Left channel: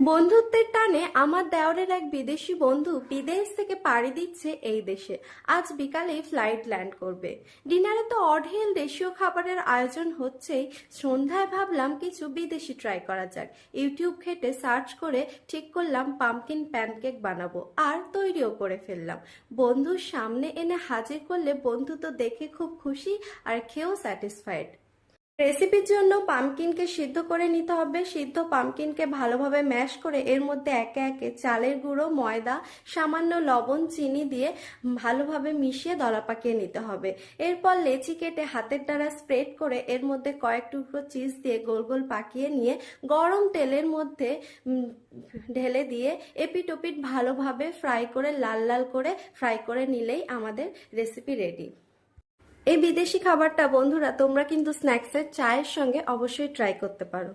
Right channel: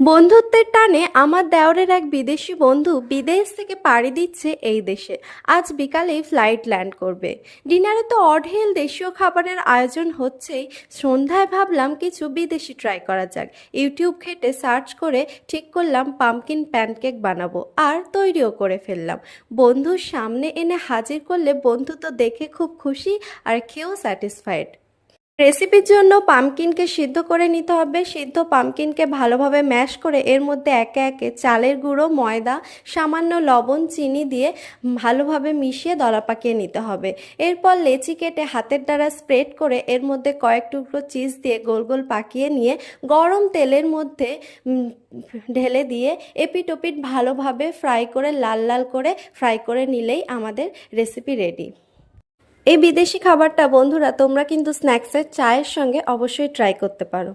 বন্ধুত্বের টানে আমার দেওরের এক বিদেশি বন্ধু বিদেশ থেকে পাড়ি দিচ্ছে এই দেশে। আজ বিকালেই ফ্লাইট ল্যান্ড করবে। ডিনারে তো অঢেল দেশীয় খাবারের আয়োজন হচ্ছেই। সন্ধ্যায় ভাবলাম কিছু বিদেশি ট্রাই করা যাক। ইউটিউব ঘেটে সার্চ করে ঠিক করলাম পামকিন প্যানকেক বানাবো, আর তৈরিও করে ফেললাম। বন্ধুর সামনে এনে হাজির করলে বন্ধু তো দেখে খুব খুশি, আর খেয়েও স্যাটিসফাইড। রেসিপির জন্য পামকিনকে সিদ্ধ করে নিতে হবে। সিদ্ধ পামকিনকে ভালোভাবে ম্যাশ করে এর মধ্যে একে একে চালের গুঁড়ো, ময়দা, সামান্য লবণ, চিনি দিয়ে ভালোভাবে মিশিয়ে দলা পাকিয়ে নিতে হবে। এরপর লেচি কেটে হাতের দ্বারা স্প্রেড করে এর মধ্যে কয়েক টুকরো চিজ দিয়ে গোল গোল পাকিয়ে নিয়ে গরম তেলের মধ্যে ঢেলে দিয়ে এপিট ওপিট ভালোভাবে ফ্রাই করে লাল লাল করে ফ্রাই করে নিলেই আমাদের রেসিপি রেডি। এই বিদেশি খাবারটা বন্ধুরা তোমরা কিন্তু স্ন্যাক্সের চায়ের সঙ্গে অবশ্যই ট্রাই করতে পারো।